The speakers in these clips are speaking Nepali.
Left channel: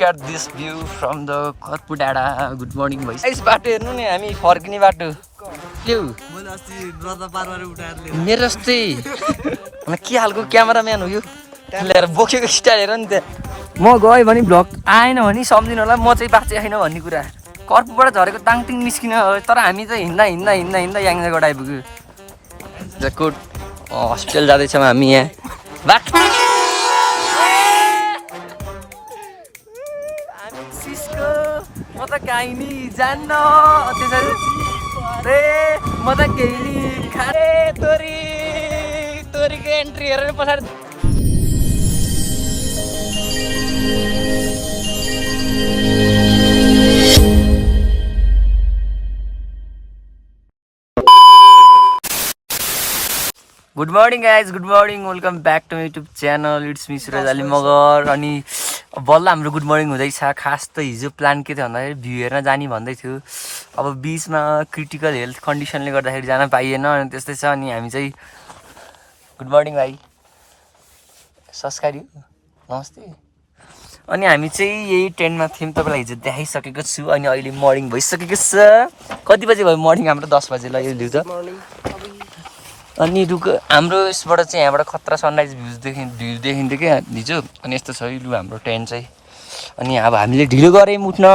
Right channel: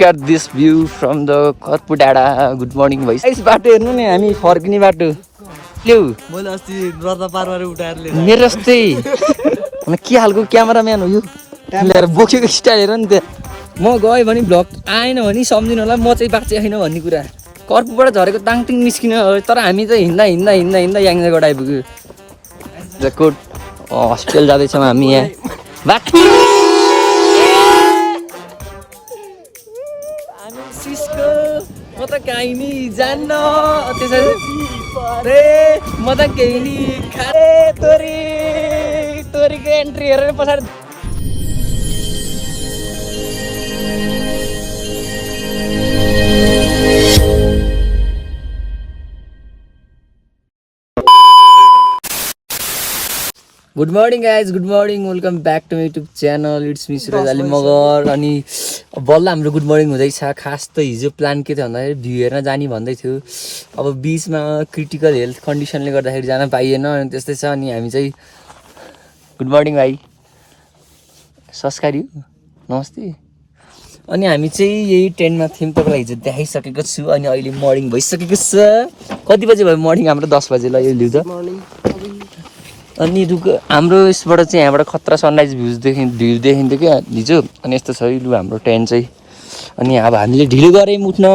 Look at this view from the Karpu Dada. Good morning, boys. Guys, बाटो हेर्नु नि हामी फर्किने बाटो ल्याउ मैले अस्ति रदा पारबार उठाएर लिएर मेरो जस्तै म के हालको क्यामेराम्यान हो यो ल्याएर बोकेको स्टाइल हेर नि त्यहाँ म गएँ भने भ्लग आएन भने सम्झिनु होला म चाहिँ बाँचे छैन भन्ने कुरा कर्पुबाट झरेको ताङटिङ निस्किन तर हामी चाहिँ हिँड्दा हिँड्दा हिँड्दा हिँड्दा याङजाबाट आइपुग्यो जकोट हस्पिटल जाँदैछौँ हामी यहाँ बाटो हामी सिस्को म त काहीँ नि जान्न त्यसरी रे म त केही नि खारे तोरीको एन्ट्री हेरेर पछाडि good morning guys good morning welcome back to YouTube channel it's me Suraj Ali Magar अनि बल्ल हाम्रो गुड मर्निङ हुँदैछ खास त हिजो प्लान के थियो भन्दाखेरि भ्यू हेर्न जाने भन्दै थियो अब बिचमा क्रिटिकल हेल्थ कन्डिसनले गर्दाखेरि जान पाइएन अनि त्यस्तै छ अनि हामी चाहिँ गुड मर्निङ भाइ संस्कारी नमस्ते अनि हामी चाहिँ यही टेन्टमा थियौँ तपाईँलाई हिजो देखाइसकेको छु अनि अहिले मर्निङ भइसकेको छ कति बजी भयो मर्निङ हाम्रो 10 बजी ल यो लिउँछ अनि हाम्रो यसबाट चाहिँ यहाँबाट खतरा सनराइज भ्यू देखिन्थ्यो क्या हिजो अनि यस्तो छ लु हाम्रो टेन्ट चाहिँ अनि अब हामीले ढिलो गऱ्यौँ उठ्न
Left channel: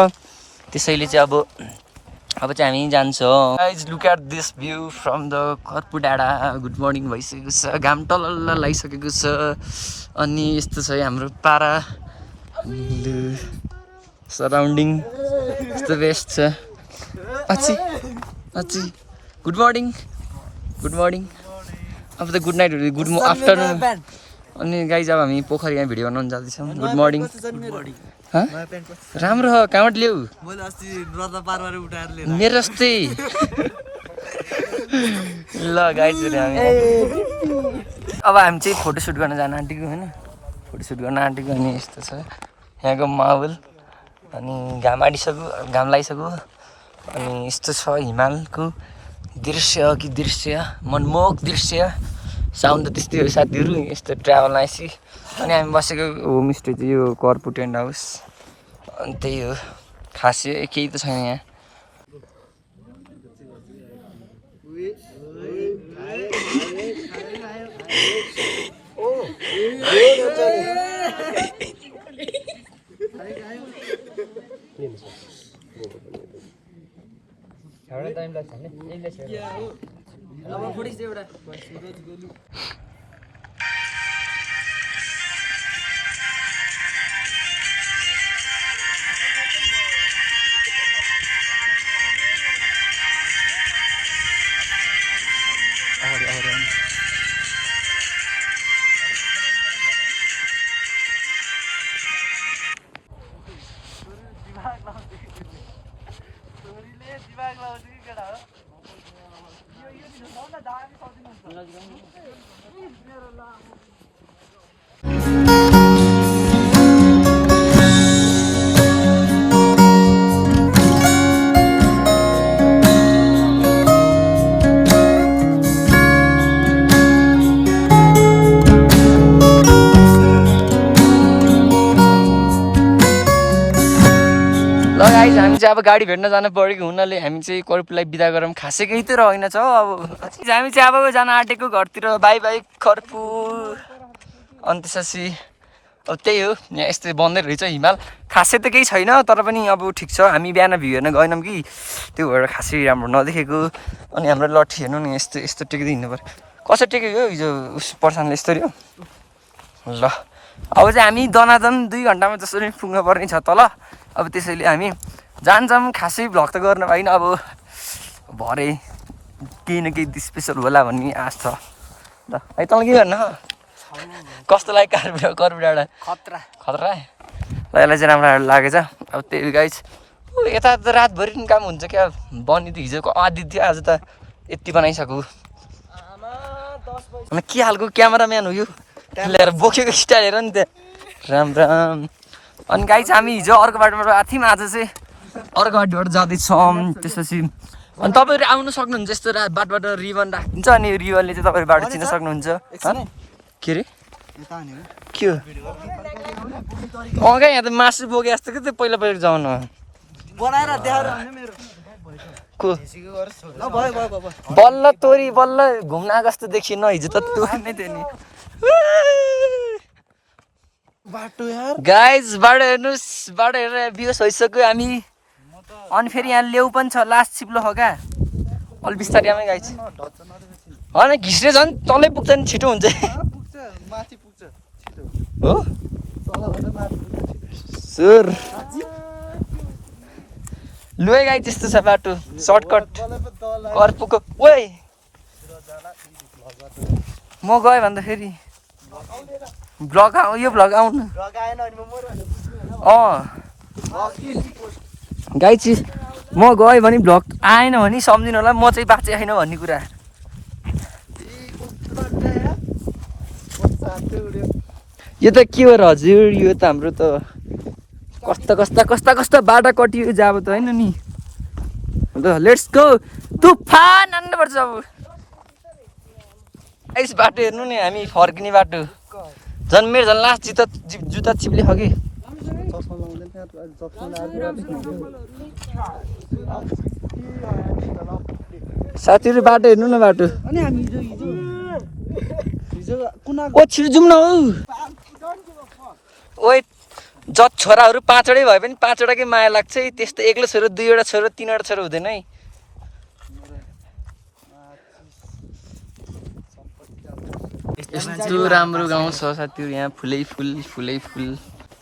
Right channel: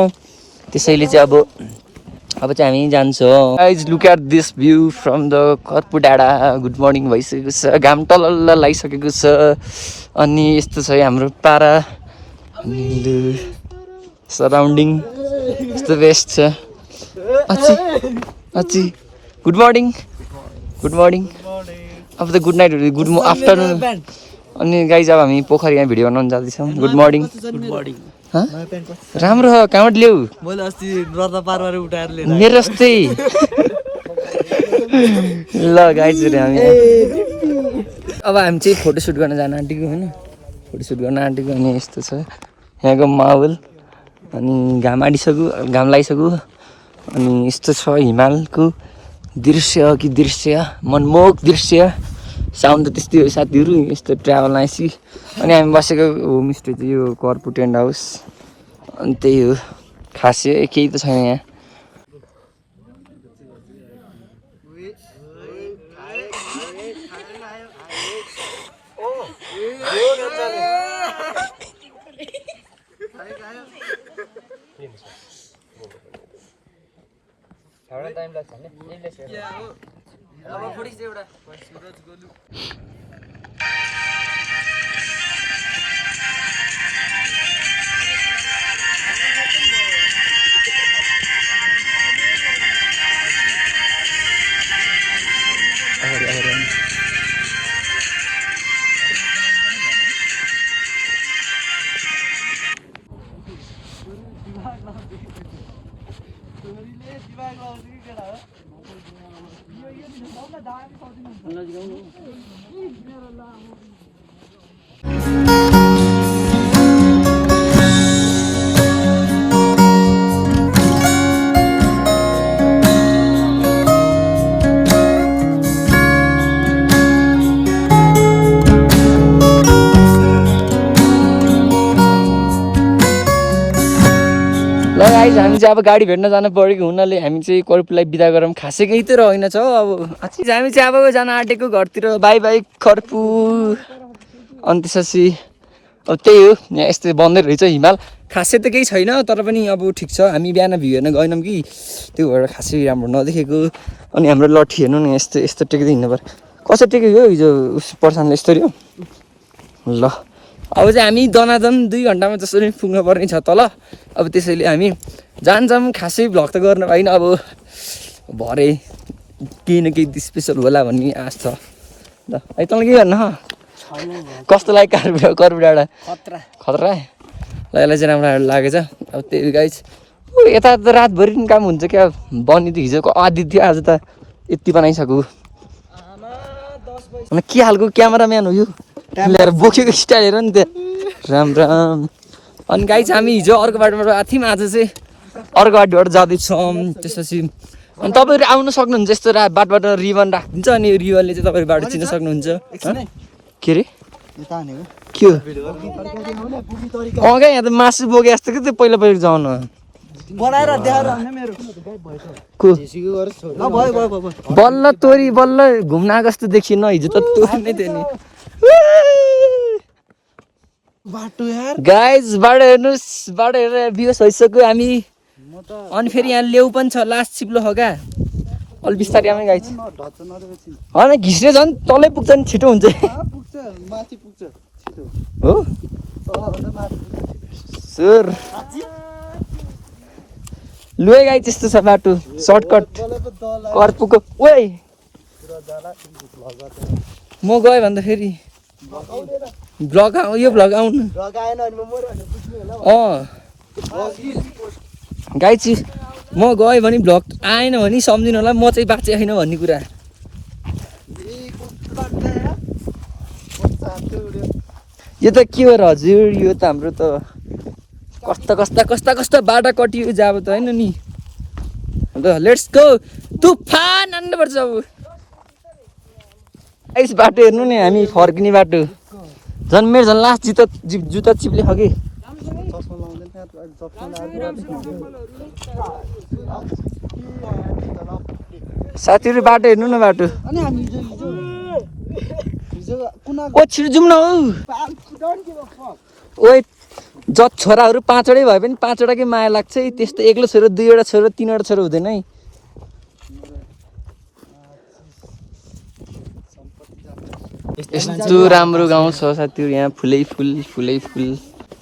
त्यसैले चाहिँ अब चाहिँ हामी जान्छौँ guys look at this view from the Karpu डाँडा गुड मर्निङ भइसकेको छ घाम टलल्ल लागिसकेको छ अनि यस्तो छ हाम्रो पारा अनि लु सराउन्डिङ यस्तो बेस्ट छ अच्छी गुड मर्निङ अब त गुड नाइट गुड आफ्टरनुन अनि गाइज अब हामी पोखरीमा भिडियो बनाउन जाँदैछौँ गुड मर्निङ राम्रो हो कहाँबाट ल्याउ मैले अस्ति रदा पारबार उठाएर लिएर मेरो जस्तै ल गाइज अब हामी चाहिँ फोटोसुट गर्न जान आँटेको होइन फोटोसुट गर्न आँटेको अनि यस्तो छ यहाँको माहौल अनि घाम लागिसक्यो अनि यस्तो छ हिमालको दृश्य मनमोहक दृश्य साउन्ड त त्यस्तै हो साथीहरू यस्तो ट्राभल आएपछि अनि हामी बसेको होमस्टे चाहिँ यो कर्पु टेन्ट हाउस अनि त्यही हो खासै केही त छैन यहाँ अब गाडी भेट्न जानु परेको हुनाले हामी चाहिँ कर्पुलाई बिदा गरौँ खासै केही त रहेन छ अब हामी चाहिँ अब जान आँटेको घरतिर बाई बाई कर्पु अनि त्यसपछि अब त्यही हो यहाँ यस्तै बन्दै रहेछ हिमाल खासै त केही छैन तर पनि अब ठिक छ हामी बिहान भ्यू हेर्न गएनौँ कि त्यो भएर खासै राम्रो नदेखेको अनि हाम्रो लट्ठी हेर्नु नि यस्तो टेक्दै हिँड्नु पर्यो कसरी टेकेको हो हिजो उस पर्सनले यस्तरी हो ल अब चाहिँ हामी दनादन 2 घन्टामा जसरी पुग्न पर्ने छ तल अब त्यसैले हामी जान्छौँ खासै भ्लग त गर्न पाइन अब भरे केही न केही स्पेसल होला भन्ने आश छ ल है तँलाई के भन्नु कस्तो लाग्यो कर्पु डाँडा खतरा ल यसलाई चाहिँ राम्रो लागेछ अब त्यही गाइज यता त रातभरि पनि काम हुन्छ क्या बन्ने त हिजोको आदि थियो आज त यति बनाइसक्यो के खालको क्यामेराम्यान हो यो ल्याएर बोकेको स्टाइल हेर नि त्यहाँ राम अनि गाइज हामी हिजो अर्को बाटोबाट आएको थियौँ आज चाहिँ अर्को बाटोबाट जाँदैछौँ त्यसपछि अनि तपाईँहरू आउन सक्नुहुन्छ यस्तो बाटोबाट रिबन राखिदिन्छ अनि रिबनले चाहिँ तपाईँहरू बाटो चिन्न सक्नुहुन्छ के अरे के हो क्या यहाँ त मासु बोके जस्तो कि त्यो पहिला पहिला जाउन बनाएर देखाएर आउने मेरो को ल भयो भयो भयो बल्ल तोरी बल्ल घुम्न आएको जस्तो देखिएन हिजो त तोरी नै थियो नि बाटो यार गाइज बाटो हेर्नुहोस् बाटो हेरेर बिहोस भइसक्यो हामी अनि फेरि यहाँ लेउ पनि छ लास्ट चिप्लो हो क्या अलि बिस्तारै आमै गाइज होइन घिस्रे झन् तलै पुग्छ नि छिटो हुन्छ पुग्छ माथि पुग्छ छिटो हो तलभन्दा माथि सर लुए गाई त्यस्तो छ बाटो सर्टकट कर्पुको ओइ म गएँ भन्दा फेरि भ्लग यो भ्लग आउनु गाई चाहिँ म गएँ भने भ्लग आएन भने सम्झिनु होला म चाहिँ बाँचेको छैन भन्ने कुरा यो त के हो र हजुर यो त हाम्रो त कस्ता बाटा कटियो जाब त होइन नि ल लेट्स गो तुफान आन्नुपर्छ अब यस बाटो हेर्नु नि हामी फर्किने बाटो झन् मेरो झन् लास्ट जुत्ता चिप्ले हो कि साथीहरू बाटो हेर्नु न बाटो अनि हामी हिजो कुना ओ छिटो जाउँ न हौ ओइ जत छोराहरू 5वटै भए पनि 5वटाकै माया लाग्छ है त्यस्तो एक्लो छोरो 2वटा छोरो 3वटा छोरो हुँदैन है यस्तो राम्रो गाउँ छ साथीहरू यहाँ फुलै फुल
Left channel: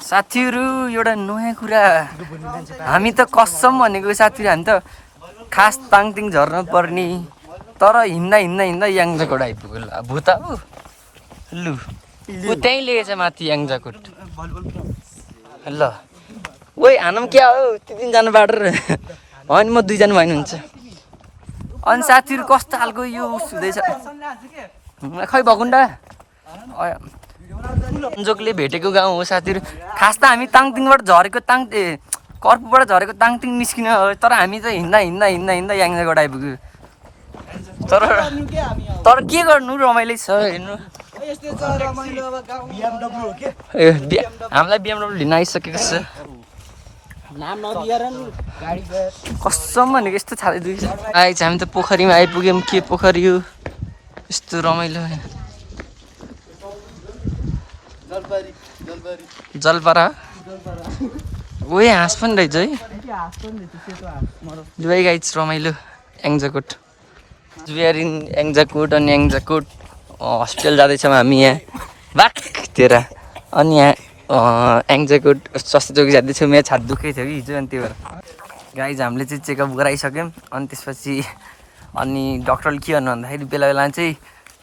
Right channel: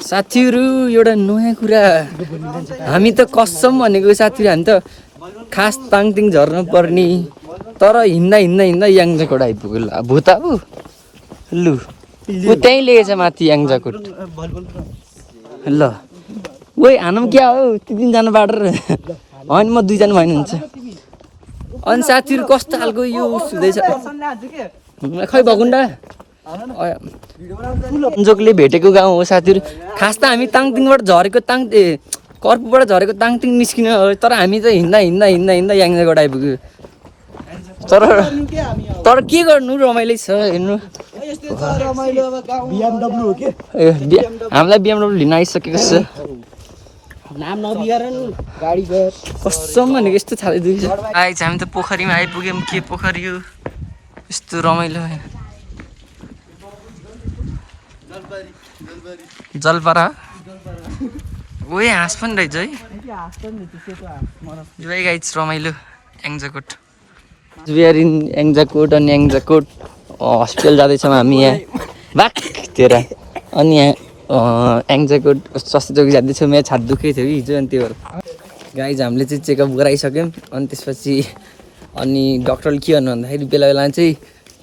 साथीहरू एउटा नयाँ कुरा हामी त कसम भनेको साथीहरू हामी त खास ताङतिङ झर्न पर्ने तर हिँड्दा याङजाकोट आइपुग्यो ल भुता ऊ लु ऊ त्यहीँ लिएछ माथि याङजाकोट ल ओइ हानौँ क्या हौ ती 3 जना बाटो होइन म 2 जना भएन हुन्छ अनि साथीहरू कस्तो खालको यो हुँदैछ खै भकुन्डा जोकले भेटेको गाउँ हो साथीहरू खास त हामी ताङतिङबाट झरेको कर्पुबाट झरेको ताङतिङ निस्किन तर हामी चाहिँ हिँड्दा याङजाकोट आइपुग्यो तर के गर्नु रमाइलो छ हेर्नु हामीलाई BMW लिन आइसकेको छ कसम भनेको यस्तो छाले दुख्छ आएछ हामी त पोखरीमा आइपुग्यौँ के पोखरी हो यस्तो रमाइलो जलपरा ओए हाँस पनि रहेछ है जुवाई गाइज रमाइलो याङजाकोट जुयार इन याङजाकोट अनि याङजाकोट हस्पिटल जाँदैछौँ हामी यहाँ बाक तेरा अनि यहाँ याङजाकोट स्वास्थ्य चौकी जाँदैछौँ यहाँ छात दुखेको थियो कि हिजो अनि त्यही भएर गाइज हामीले चाहिँ चेकअप गराइसक्यौँ अनि त्यसपछि अनि डक्टरले के भन्नु भन्दाखेरि बेला बेला चाहिँ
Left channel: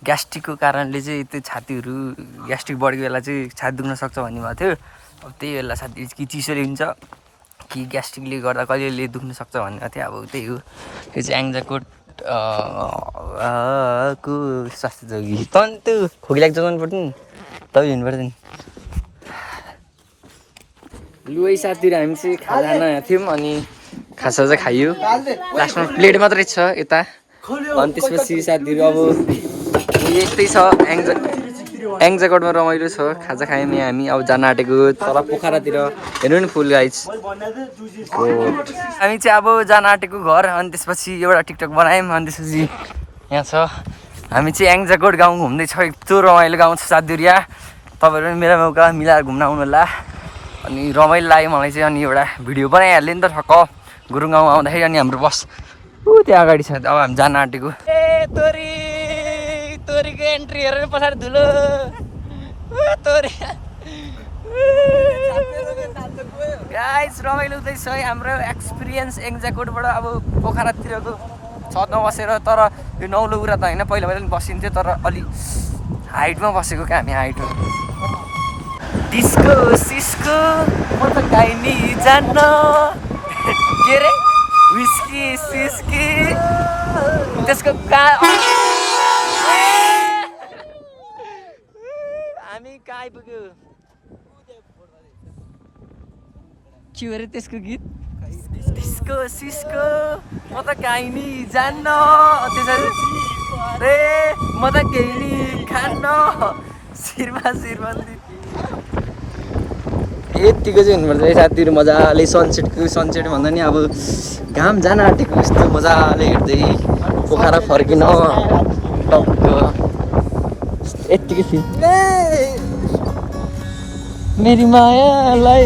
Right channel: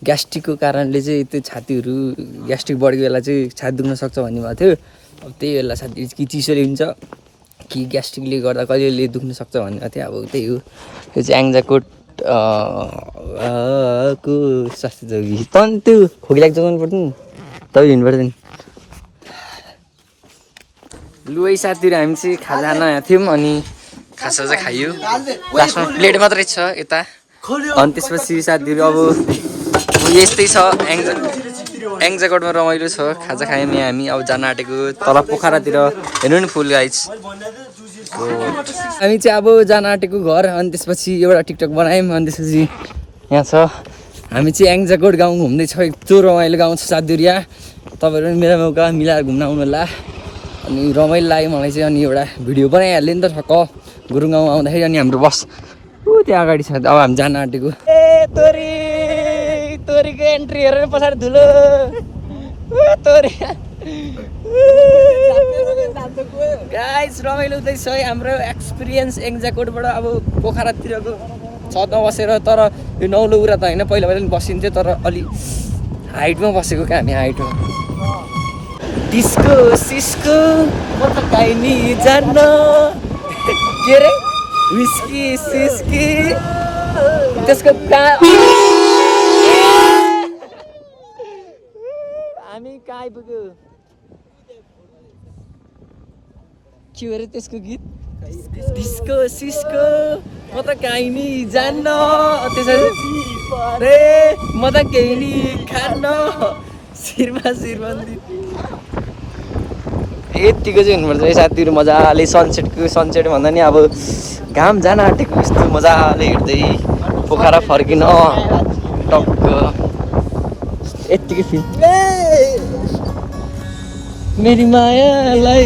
ग्यास्ट्रिकको कारणले चाहिँ त्यो छातीहरू ग्यास्ट्रिक बढेको बेला चाहिँ छाती दुख्न सक्छ भन्ने भएको थियो अब त्यही बेला साथी कि चिसोले हुन्छ कि ग्यास्ट्रिकले गर्दा कहिलेले दुख्न सक्छ भन्ने भएको थियो अब त्यही हो यो चाहिँ याङजाकोट को स्वास्थ्य चौकी तन्तु खोकी लाग्छ जानु पर्छ नि तै हिँड्नु पर्छ नि लुई साथीहरू हामी चाहिँ खाजा खान आएको थियौँ अनि खाजा चाहिँ खाइयो लास्टमा प्लेट मात्रै छ यता अनि त्यसपछि साथीहरू अब यस्तै छ याङजाकोटमा रमाइलो छ खाजा खायौँ यहाँ हामी अब जान आँटेको तल पोखरातिर हेर्नु नि फुल गाइज हामी चाहिँ अब जान आँटेको घर अनि त्यसपछि एउटा टिकटक बनायौँ अनि त्यसपछि यहाँ छ हामी चाहिँ याङजाकोट गाउँ घुम्दैछ यस्तो रमाइलो गाउँ छ साथीहरू यहाँ तपाईँहरू पनि मेरो मौका मिलाएर घुम्न आउनु होला अनि रमाइलो लाग्यो मलाई चाहिँ अनि एउटा भिडियो बनाइहाल्यो नि त ठक्क गुरुङ गाउँ आउँदाखेरि अनि हाम्रो बस त्यहाँ अगाडि छ अब हामी जान आँटेको ए तोरीको एन्ट्री हेरेर पछाडि धुलो तोरी गाइस रमाइलो हुँदैछ है हाम्रो एक्सपिरियन्स याङजाकोटबाट अब पोखरातिरको छतमा बसेर तर यो नौलो कुरा त होइन पहिला पनि बसिन्थ्यो तर अलि हाइटमा बसेको क्या हामी हाइटमा डिस्को सिस्को म त काहीँ नि जान्न के रे विस्की सिस्की त्यसको हामी कहाँ आइपुग्यो के हो रे त्यसको गीत डिस्को सिस्को म त काहीँ नि जान्न त्यसरी रे म त केही नि खान्न शिरमा शिरबन्दी यतिको चाहिँ हुनुपर्छ है साथीहरू मजाले सनसेट भन्दा नि अब घाम जान आँटेको यस्तो मजाले हिँड्दै पोखरा फर्किन टक्क यत्तिकै फिल मेरी मायालाई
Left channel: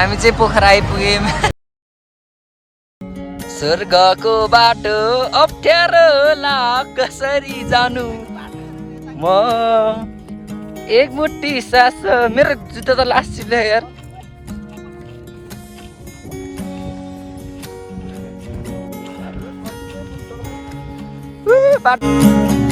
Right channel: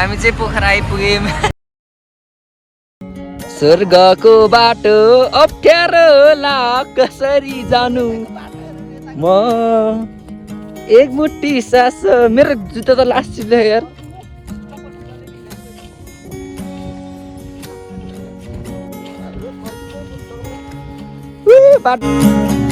हामी चाहिँ पोखरा आइपुग्यौँ स्वर्गको बाटो अप्ठ्यारो ला कसरी जानु म एक मुट्ठी सास मेरो जुत्ता त लास्ट चिप्ले यार बाटो